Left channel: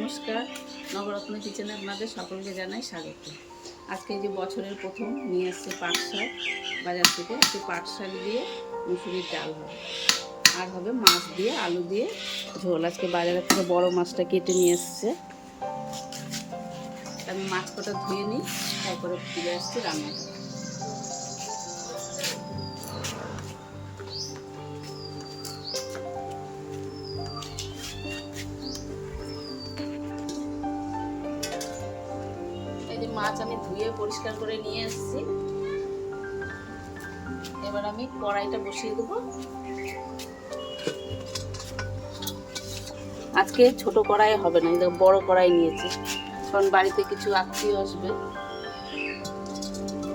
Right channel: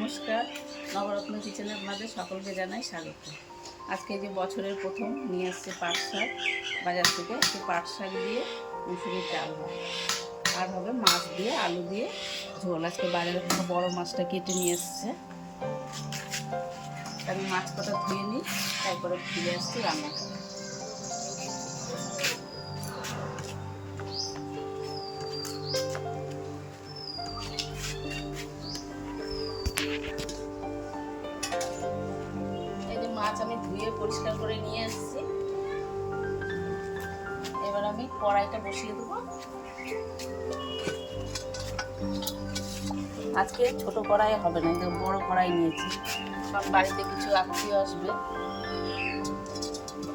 নমস্কার, নবরত্ন কিচেনে আপনাদের সকলকে জানাই স্বাগত। আজকে যে বছরের প্রথম নিয়ে এসছে পাট শাক বাজার থেকে। একটু পাট শাক দিয়ে মুসুরির ডাল হবে, আর হবে মাছ দিয়ে আলু দিয়ে ঝোল। আজকে বাজারের থেকে বড় মাছটা কেটে নিয়ে এসছে। আমি মাছ কটা ধুয়ে নিই, তারপরে ফিরে আসছি রান্নাটা। মাছ আমি ধুয়ে পরিষ্কার করে নিয়ে আসছি। এবার আমি কড়াইটা বসিয়ে দেবো। আজকে ছোট কড়াই হবে না, বড় কড়াই নিয়েছি, কারণ বাড়িতে কিছু আত্মীয় আসবে,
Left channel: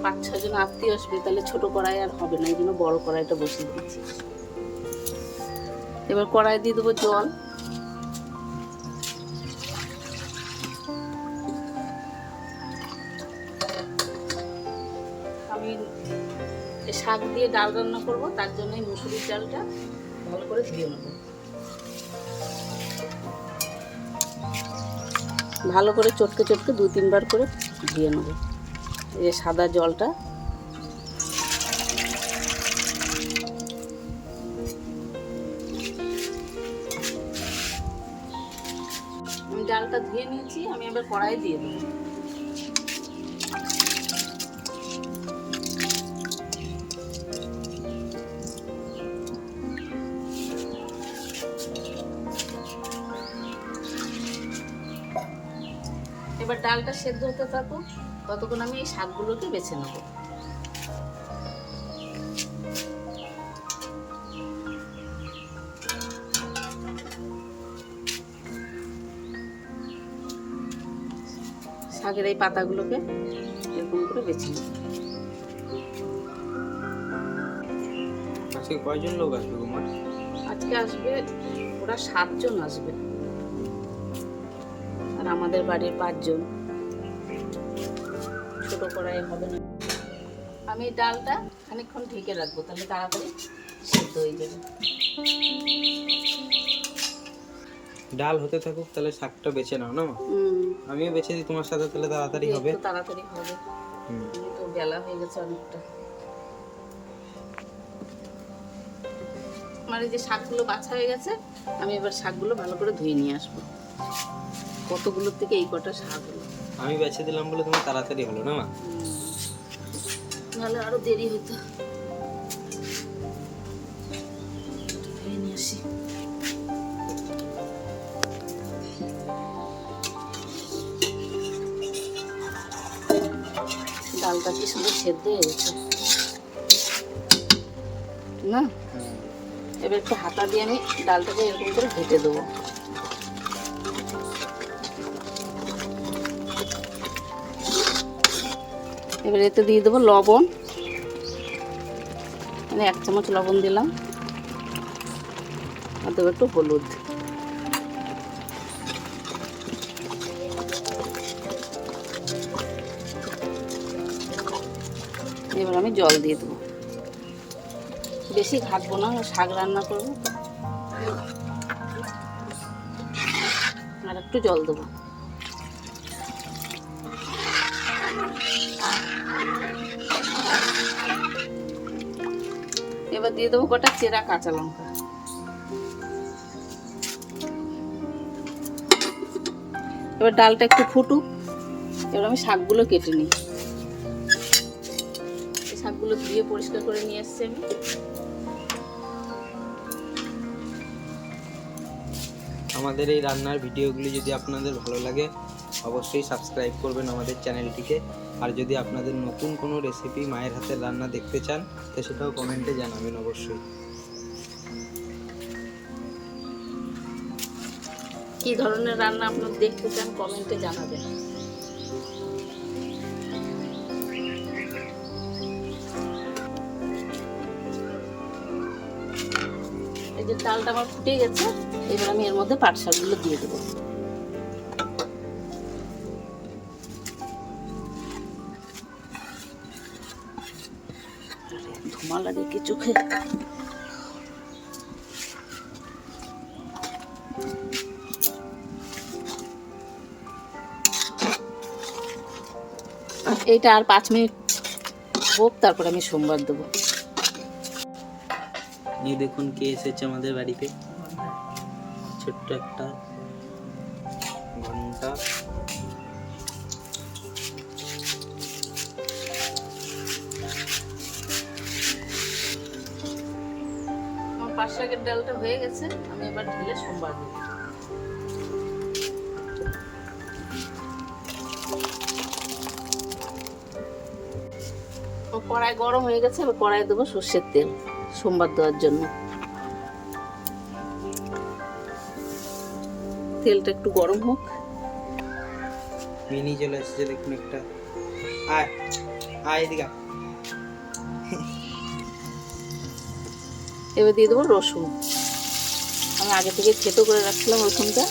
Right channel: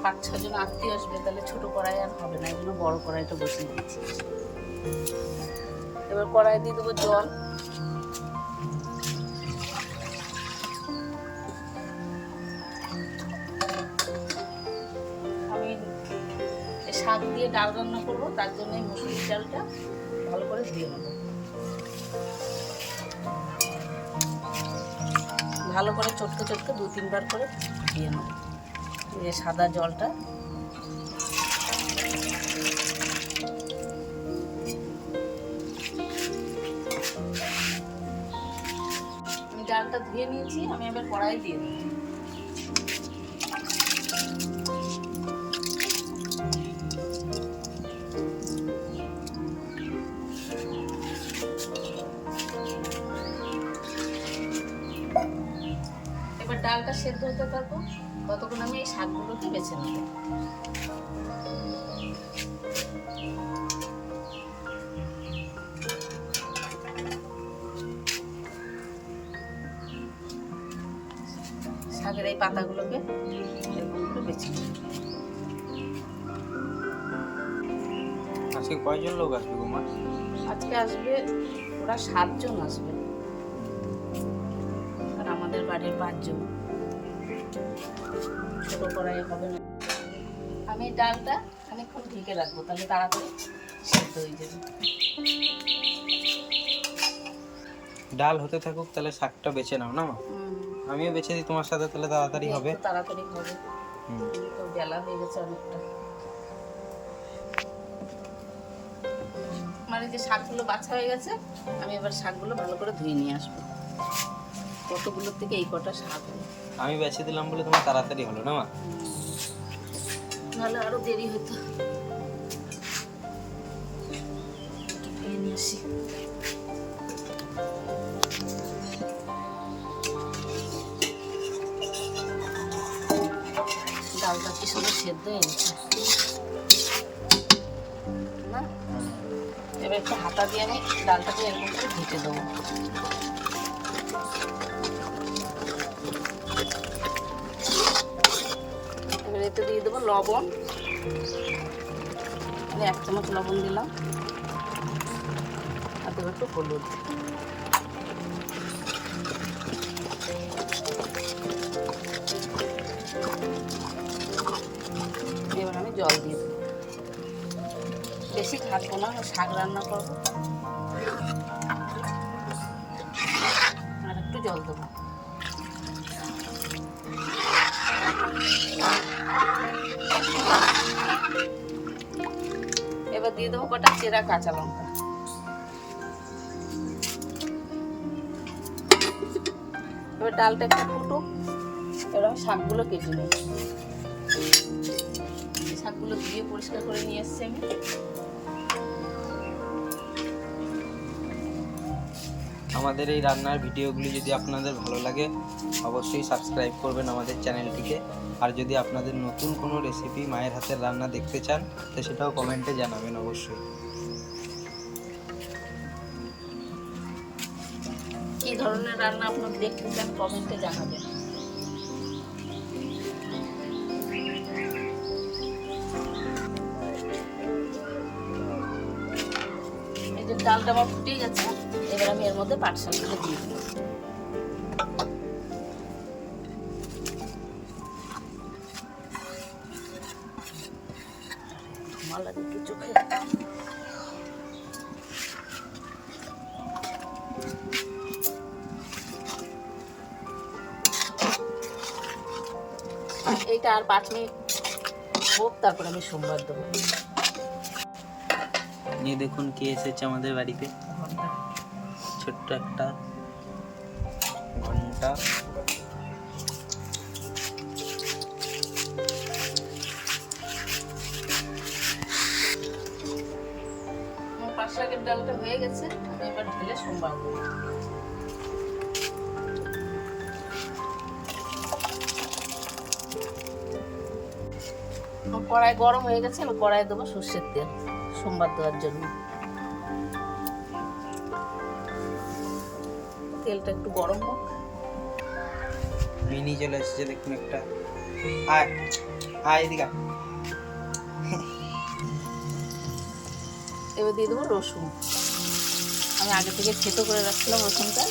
5-6 জন আত্মীয় আসবে, তাহলে ছোট কড়াই আর হবে না, এই জন্য বড় কড়াইটা বসিয়ে দিচ্ছি। এবার কড়াই দিয়ে দেবো জল। আমি শাক দিয়ে ডাল রান্না করব, তার জন্য মুসুরির ডালটা ভালো করে ধুয়ে নেব। ভালো করে চটকে চটকে 2-3 বার করে ধুয়ে নেব। এই সাদা জলটা আমি ডালটা ধুয়ে নিয়েছি। আমি এবার কড়াই দিয়ে দেবো। এবার ডালটা সেদ্ধ হতে থাকুক, ততক্ষণ আমি এই শাকগুলোকে বেছে নেব। শাকের এই পাতাগুলোকে এরকম করে বেছে নেব। আজকে কয়জন লোক আসবে গো মা? আজকে আসবে ওরা 7 জন আসবে, আর আমাদের বাড়ির 5 জন। ছোট কড়াই হবে না। আমি ডালটা খানিকক্ষণ ঢেকে রাখবো, তাহলে তাড়াতাড়ি সেদ্ধ হয়ে যাবে। ডাল হতে থাকুক, তাহলে শাকটা বেছে নাও না মা? আমিও বেছে দিই তোমার সাথে, তাহলে তাড়াতাড়ি হবে। তাড়াতাড়ি হবে, তো বেলা হয়ে গেছে অনেকটা। আমার এই যে শাকগুলো বাছা হয়ে গেছে, আমি এবার শাকগুলো ভালো করে ধুয়ে নিয়ে আসবো। কতগুলোর থেকে এই কটা শাক হলো। আমি বেছে দিলাম বলে তোমার তাড়াতাড়ি হলো না মা? নাহলে আরো দেরি হতো। ধুয়ে নিয়ে আসি। ডালটা কি সুন্দর সেদ্ধ হয়ে গেছে না? এবার একটু হাতা দিয়ে আমি ডালটাকে এরকম করে ঢেকে দেবো। এবার এতে দিয়ে দেবো লবণ, 1 চামচ লবণ দিলাম, আর দেবো একটু হলুদ। এবার আমি জল দিয়ে দেবো। বেশি ঘাটবো না, শাক রান্না করবো, আর একটু জল দেবো। এবার দিয়ে দেবো কটা চেরা কাঁচা লঙ্কা। এবার ডালটা একটু ফুটুক। এবার আমি শাকগুলো কেটে নিই। এই শাকগুলো ধুয়ে পরিষ্কার করে নিয়ে এসছি আমি। আমাদের এই রান্নার ভিডিওগুলি যদি আপনাদের ভালো লাগে, অবশ্যই সাবস্ক্রাইব করবেন আমাদের চ্যানেলটিকে। আর যদি আপনাদের নতুন কোনো রেসিপি মায়ের হাতের রান্না দেখতে চান, তো সেটাও কমেন্টে জানাবেন অবশ্যই। কি ধরনের রান্না আপনারা দেখতে চান কমেন্টে জানাবেন। এই যে ডালটা আমার ফুটে গেছে, এবার আমি এর মধ্যে পাট শাকগুলো দিয়ে দেবো। ধোঁয়া লাগে কি চোখে? এইটা আর 5 মিনিট হোক, তারপর আমি সোমবার দেবো। এই দেখুন কে এসেছে আমাদের বাড়িতে, ছোট্ট একটা ঘন্টা। আমার 5 শাকের ডালটা হয়ে গেছে, আমি এবার ঢেলে সোমবার দেবো। কড়াই গরম হয়ে গেছে, এবার কড়াই দেবো সর্ষের তেল সোমবার দেওয়ার জন্য। তেলটা একটু গরম হোক। মিনি চলে এসেছে দেখুন একটা, আয় আয় এদিকে। এবার দিয়ে দেবো রসুন। আমি আগে থেকে থেতো করে রাখছিলাম রসুনটা।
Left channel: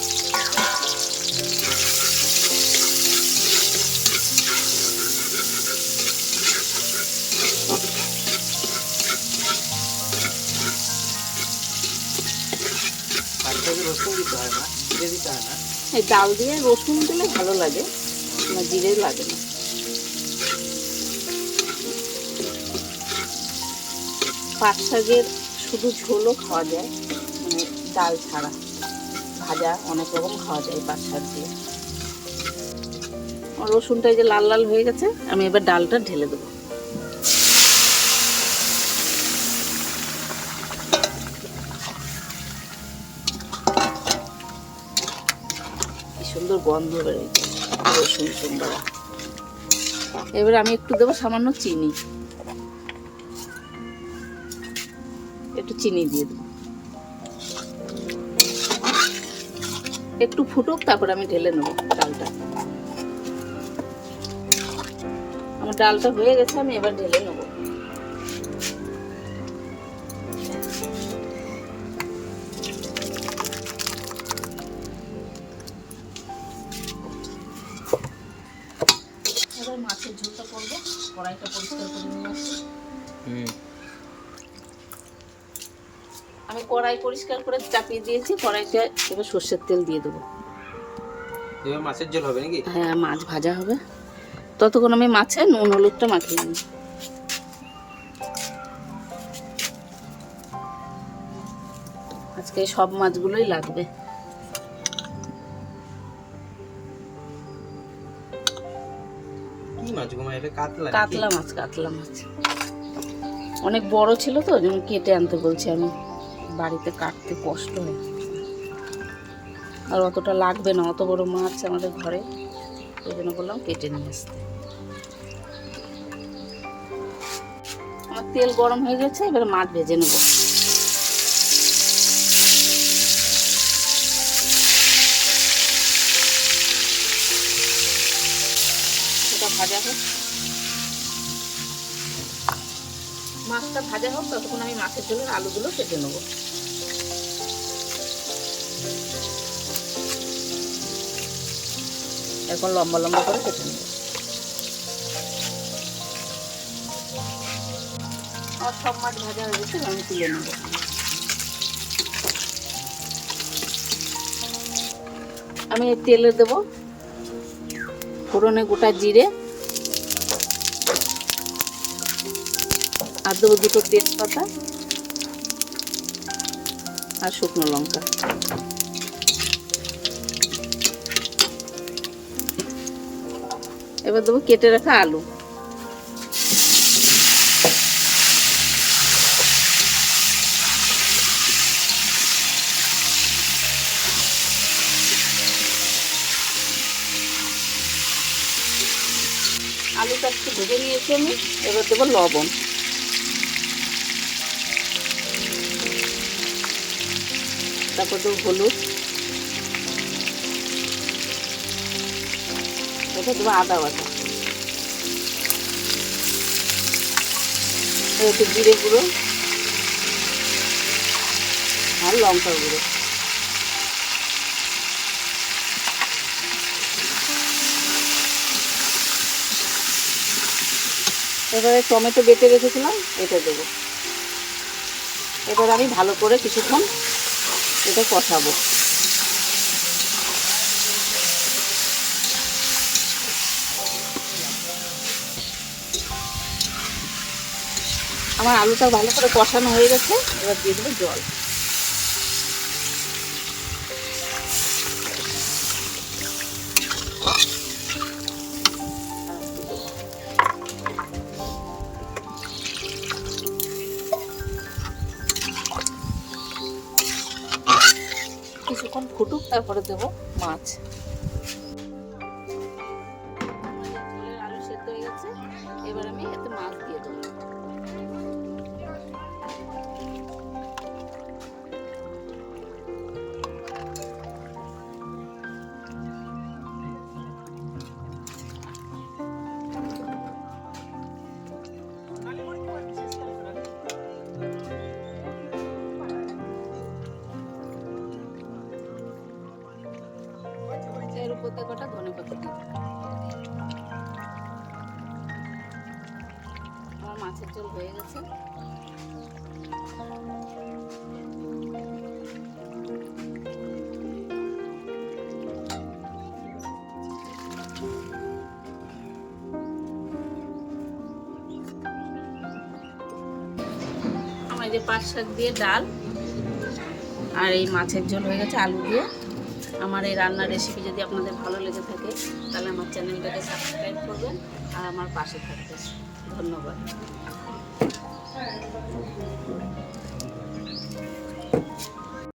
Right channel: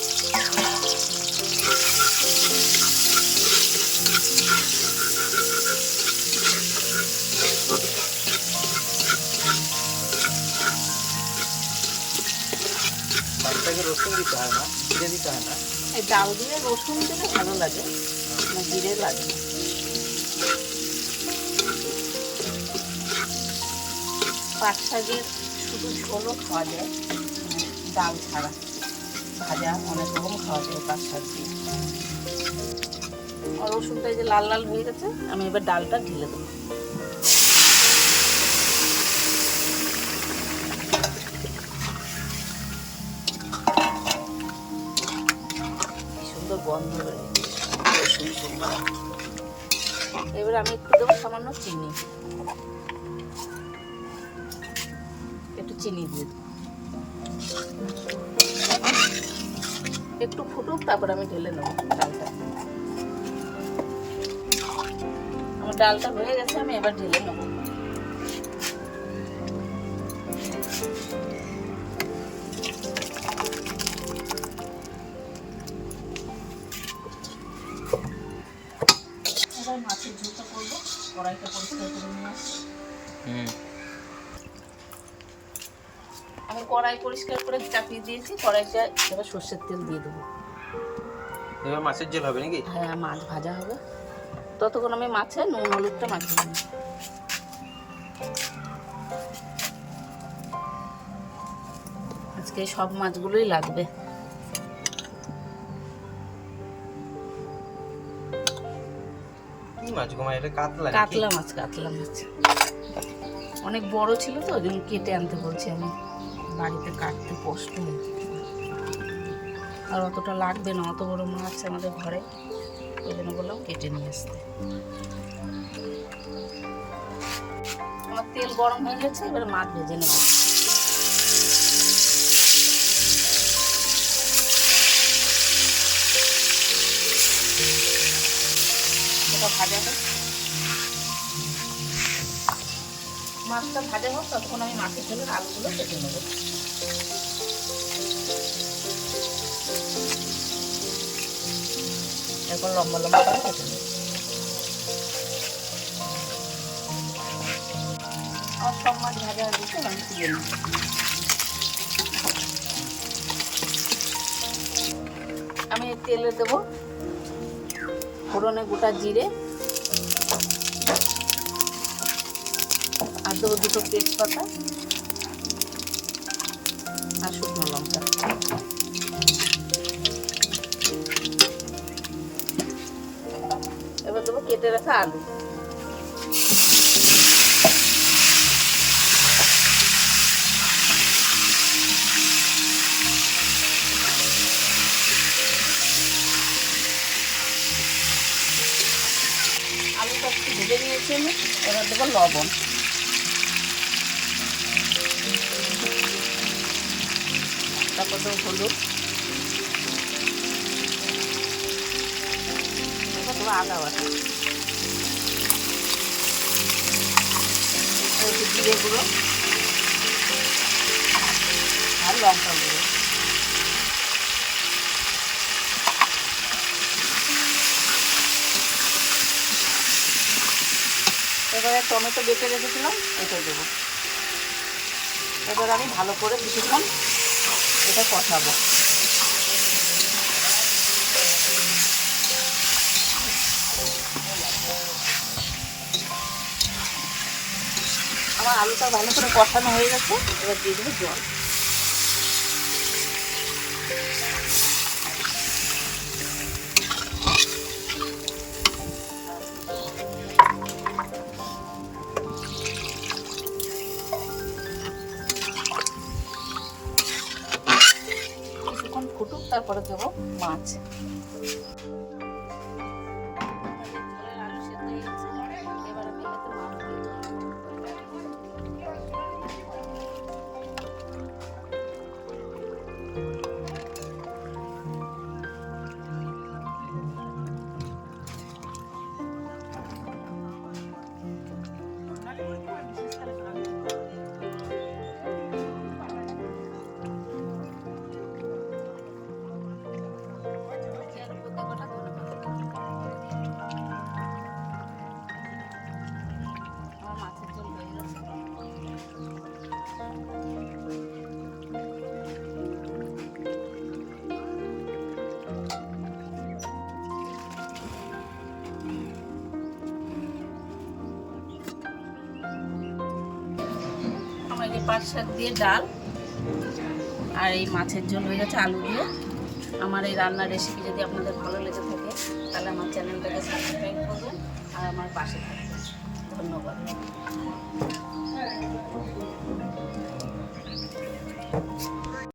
পাঁচটাকে রসুন দিতে হয় না, জিরে দিতে হয় না? এই ডাল দিয়ে রসুন দিলে ভালো লাগে, জিরে লাগে না। পাট শাকের শুধু ঝোলও খাওয়া যায়, ডাল ছাড়া। ভাজা অনেক রকম খাওয়া যায় পাট শাক দিয়ে। আর রসুনটা যে লাল লাল হয়ে গেছে, আমি এবার ডালটা ঢেলে দেবো। সুন্দর গন্ধ বেরোচ্ছে রসুন সুন্দর। এবার আমি একটু দেবো সামান্য চিনি, একটু চিনি দিয়ে দেবো। একটু ফুটুক, তারপর আমি ঢেলে নেবো ডালটা। আমার ডালটা হয়ে গেছে, আমি এবার ঢেলে নেবো। এবার মাছের ঝোলটা করবো। কড়াইটা পরিষ্কার করে নিয়ে আসি। আমি কড়াই পরিষ্কার করে চাপিয়ে দিয়েছি। কড়াইতে এবার সর্ষের তেল দিয়ে দেবো। এবার মাছের ঝোল হবে নাকি? হ্যাঁ, মাছ ভাজা হবে। ততক্ষণ আমি মাছে নুন হলুদটা মাখিয়ে নিই। আজকে সব মাছগুলোই লাগবে। কি মাছ গো মা এটা? কাতলা? কাতলা মাছ, কাতলা মাছ অনেক বড় ছিল তো, ওই জন্য কেটে আনতে বলছি। আমি বাড়িতে কাটতে কষ্ট হয়, আর অতটা লাগবে না, অত বড় মাছ আমাদের ঘরে, ওই জন্য বললাম কেটে নিয়ে আসতে। আমার তেল গরম হয়ে গেছে, এবারে মাছ ভেজে নেব। ভাজা হোক, মাছটা ভাজা হোক, ততক্ষণ আমি মাছের ঝোলের আলুগুলো কেটে নেবো। এখন লম্বা লম্বা করে কেটে নেব। আর সব মাছ ভাজা হয়ে গেছে, আমি তুলে নেব। আমি তেলে দেবো ফোড়নে গোটা জিরে, আর দেবো 2টো তেজপাতা আর শুকনো লঙ্কা। এবার দেবো কেটে রাখা আলু। আলুটা একটু ভেজে নিয়েছি আমি, এবার দেবো লবণ। তারপর দেবো হলুদ, এবার দেবো আদা বাটা, একটু জিরে গুঁড়ো আর লঙ্কা গুঁড়ো। এবারে টমেটো বেটে রেখেছিলাম, এটা দেবো। এবার আমি ভালো করে কিছুক্ষণ এটা কষাবো। আমার আলুটা ভালো করে কষানো হয়ে গেছে, এবার দিয়ে দেবো জল। কিছুক্ষণ ফুটুক, তারপরে দেবো মাছ। আলু সেদ্ধ হয়ে গেছে, এবার আমি এতে মাছ দিয়ে দেবো। এর উপর দিয়ে গোটা ধনে পাতা দিয়ে দেবো। আমার মাছের ঝোল হয়ে গেছে। আমার এই যে পাট শাক দিয়ে ডাল আর এই মাছের ঝোল হয়ে গেছে আলু দিয়ে। আমার এই রান্নার রেসিপি যদি আপনাদের ভালো লেগে থাকে তাহলে আমার চ্যানেলটাকে সাবস্ক্রাইব করবেন আর আমার পাশে থাকবেন। ধন্যবাদ।